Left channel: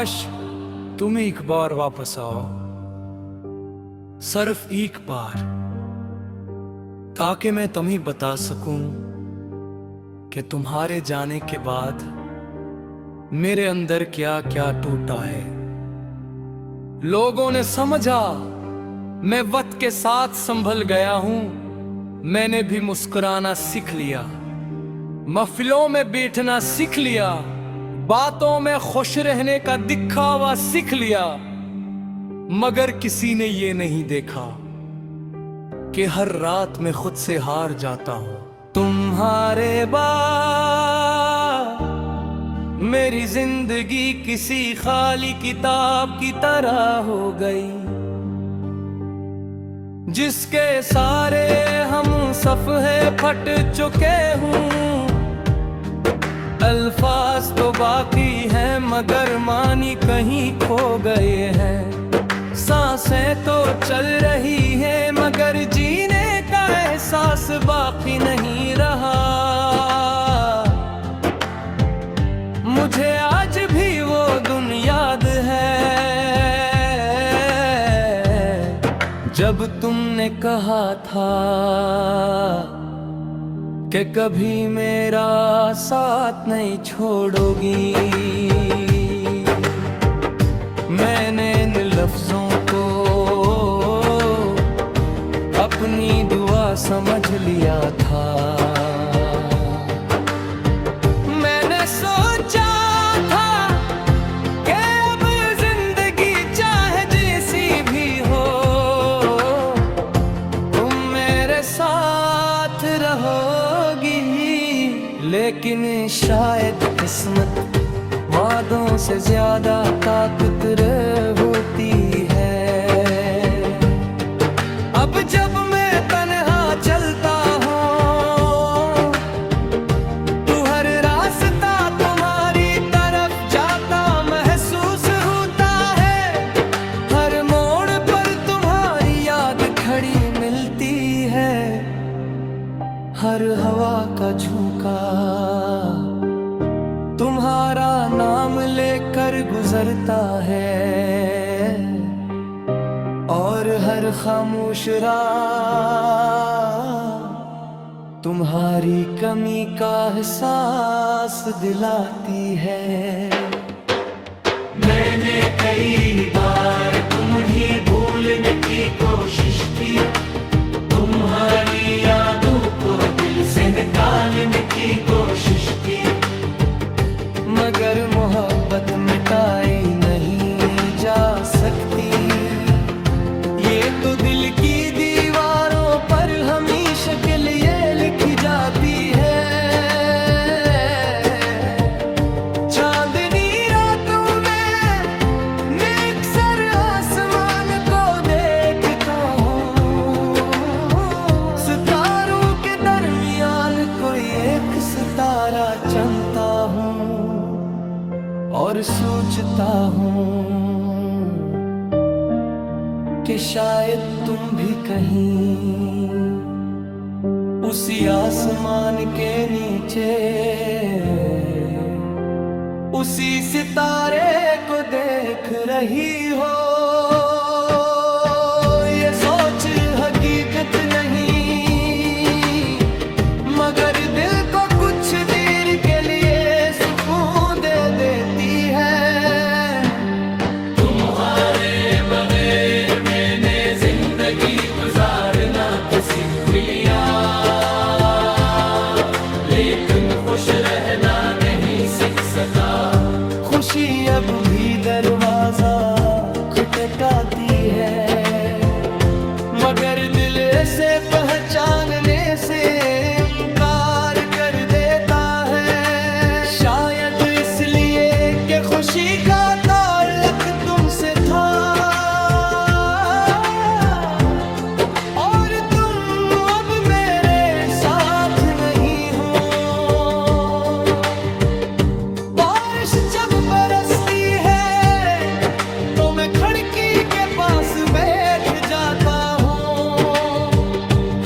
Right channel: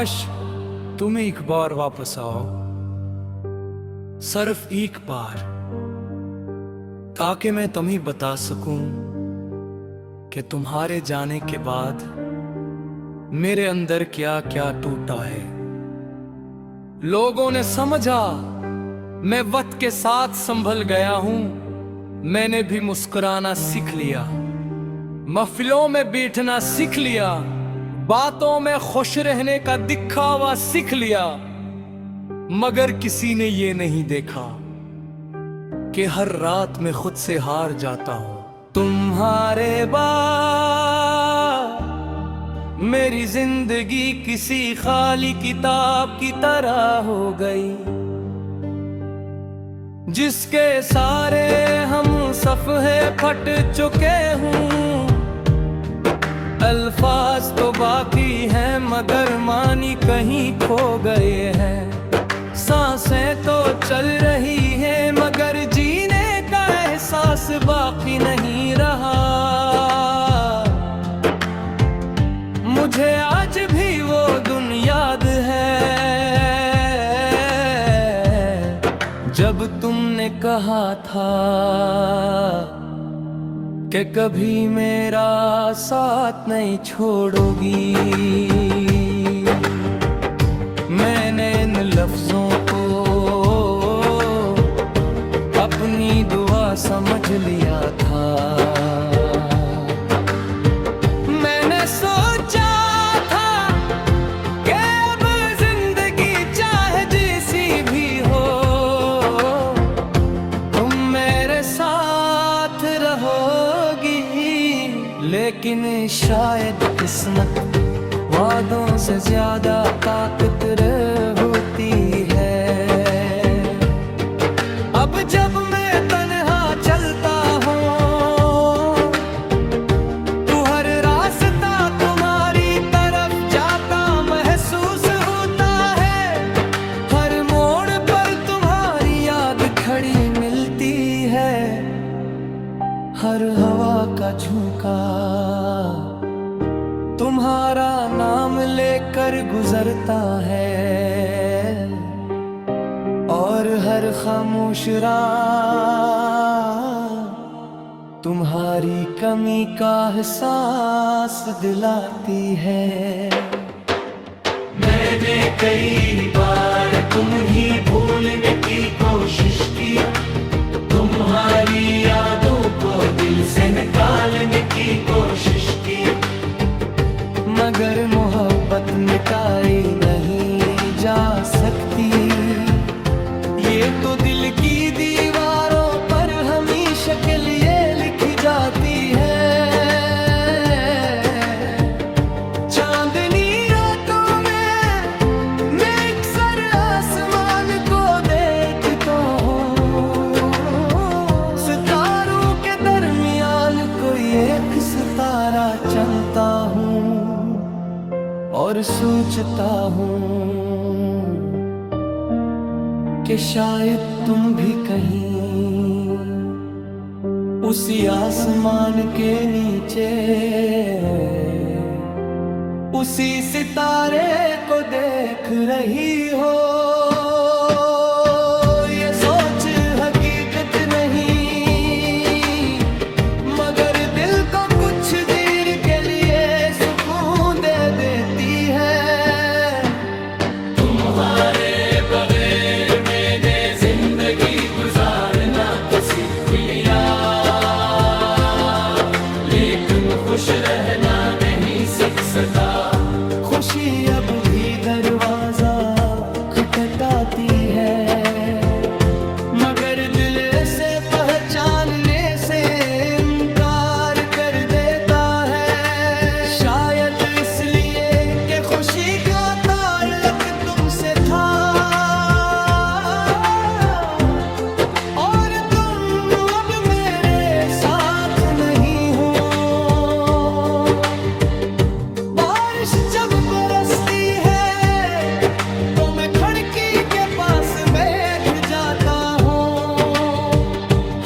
काश तुम एक बार वापस आओ, सिर्फ एक बार, ताकि मैं तुम्हें बता सकूं कि तुम्हारे जाने के बाद मेरे अंदर क्या क्या टूटा है। लोगों ने समझा मैं वक्त के साथ संभल गया हूं, मैंने भी मुस्कुराना सीख लिया, महफिलों में बैठना सीख लिया, बातों में खुश रहने का दिखावा सीख लिया। मगर किसी ने ये नहीं देखा कि हर रात में खुद से हार जाता हूं। तुम्हारे बाद मेरी जिंदगी किसी खाली किताब की तरह हो गई, जिसके सारे हम सफ़हे फट चुके हूं। अल्फाज तो बाकी हैं मगर मानी कहीं खो गए हैं। सांसें तो चल रही हैं मगर जीने का एहसास बाकी नहीं रहा। मुझे आज भी वो दिन याद है जब तुमने कहा था कि कभी मेरा साथ नहीं छोड़ोगी। मैंने इन लफ्जों को अपनी दुआ समझ लिया था। मैंने सोचा था कि अब जिंदगी चाहे जैसी भी हो, तुम मेरे साथ रहोगी। लेकिन शायद किस्मत वादों से ज्यादा ताकतवर होती है। अब जब मैं तन्हा चलता हूँ तो हर रास्ता तुम्हारी तरफ जाता महसूस होता है। हर मोड़ पर तुम्हारी याद खड़ी मिलती है। हर हवा का झोंका तुम्हारा नाम लेकर गुजरता है और हर खामोश रात तुम्हारी कमी का एहसास दिलाती है। मैंने कई बार तुम्हें भूलने की कोशिश की, तुम्हारी यादों को दिल से निकालने की कोशिश की, मगर मोहब्बत मिटाई नहीं जा सकती। ये तो दिल की दीवारों पर हमेशा के लिए लिखी जाती है। चांदनी रातों में मैं अक्सर आसमान को देखता हूँ। सितारों के दरमियान कोई एक सितारा चुनता हूँ और सोचता हूँ कि शायद तुम भी कहीं उसी आसमान के नीचे उसी सितारे को देख रही हो। ये सोच हकीकत नहीं मगर दिल को कुछ देर के लिए सुकून दे देती है। तुम्हारे बगैर मैंने जिंदगी गुजारना तो सीख लिया, लेकिन खुश रहना नहीं सीख सका। खुशी अब भी दरवाजा खटखटाती है मगर दिल से पहचानने से इनकार कर देता है। शायद इसलिए कि खुशी का ताल्लुक तुमसे था और तुम अब मेरे साथ नहीं हो। बारिश जब बरसती है तो मैं खिड़की के पास बैठ जाता हूँ।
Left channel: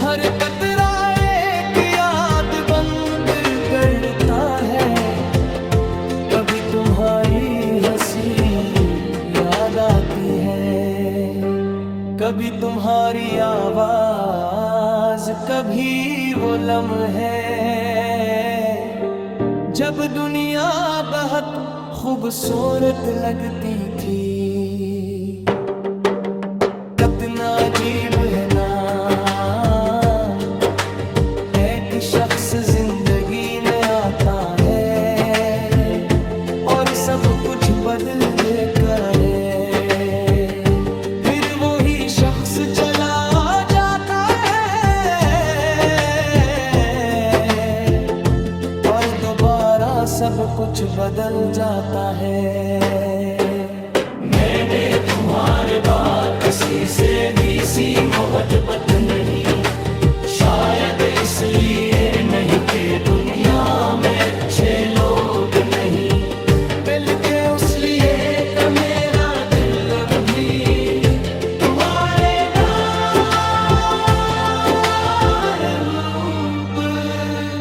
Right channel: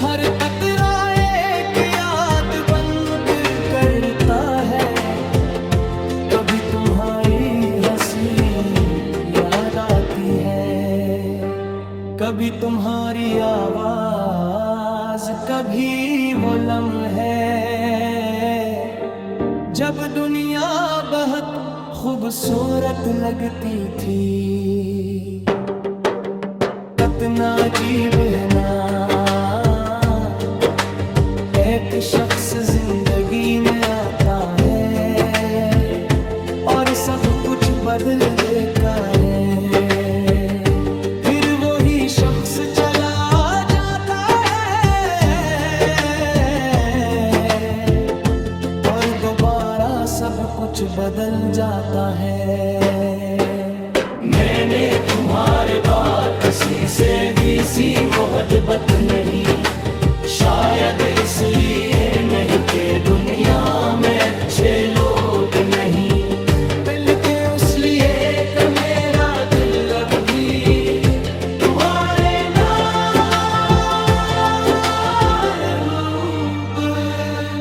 हर कतरा एक याद बनकर करता है, कभी तुम्हारी हंसी है। कभी तुम्हारी आवाज, कभी वो लम्हे, जब दुनिया बहुत खूबसूरत लगती थी। कितना अजीब है ना, एक शख्स जिंदगी में आता है और सब कुछ बदल देता है। फिर वही शख्स चला जाता है और दोबारा सब कुछ बदल जाता है। मैंने तुम्हारे बाद किसी से भी सी मोहब्बत नहीं, शायद इसलिए नहीं कि दुनिया में अच्छे लोग नहीं, बल्कि उस लिए कि मेरा दिल अब भी तुम्हारे नाम।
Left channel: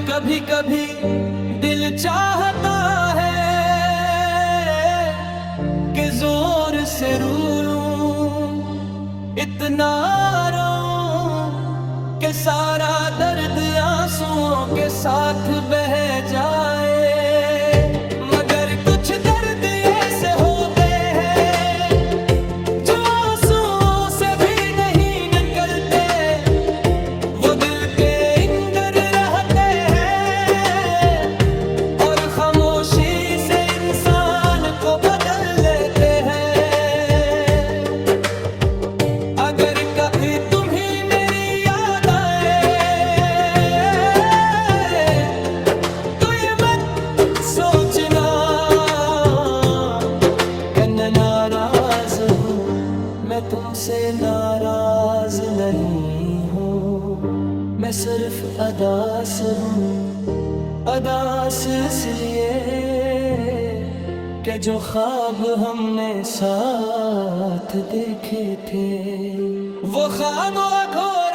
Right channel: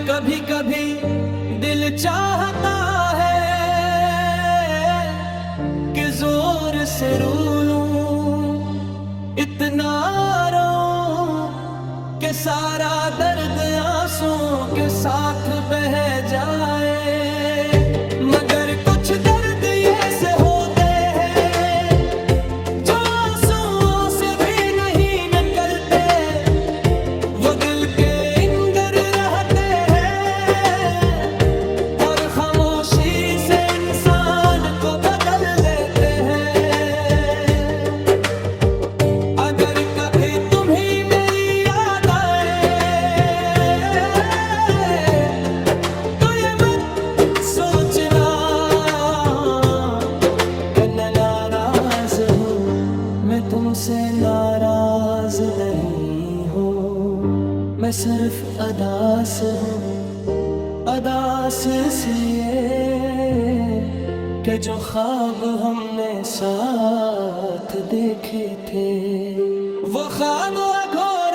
कभी कभी दिल चाहता है कि जोर से रू लूं, इतना रोऊं कि सारा दर्द आंसुओं के साथ बह जाए। मगर कुछ दर्द ऐसे होते हैं जो आंसुओं से भी नहीं निकलते, वो दिल के अंदर रहते हैं और खामोशी से इंसान को बदल लेते हैं। अगर कभी तुम्हें मेरी याद आए तो ये मत सोचना कि मैं नाराज हूँ, मैं तुमसे नाराज नहीं हूँ। मैं सिर्फ अदास हूँ, अदास इसलिए कि जो ख्वाब हमने साथ देखे थे वो ख्वाब अधूरे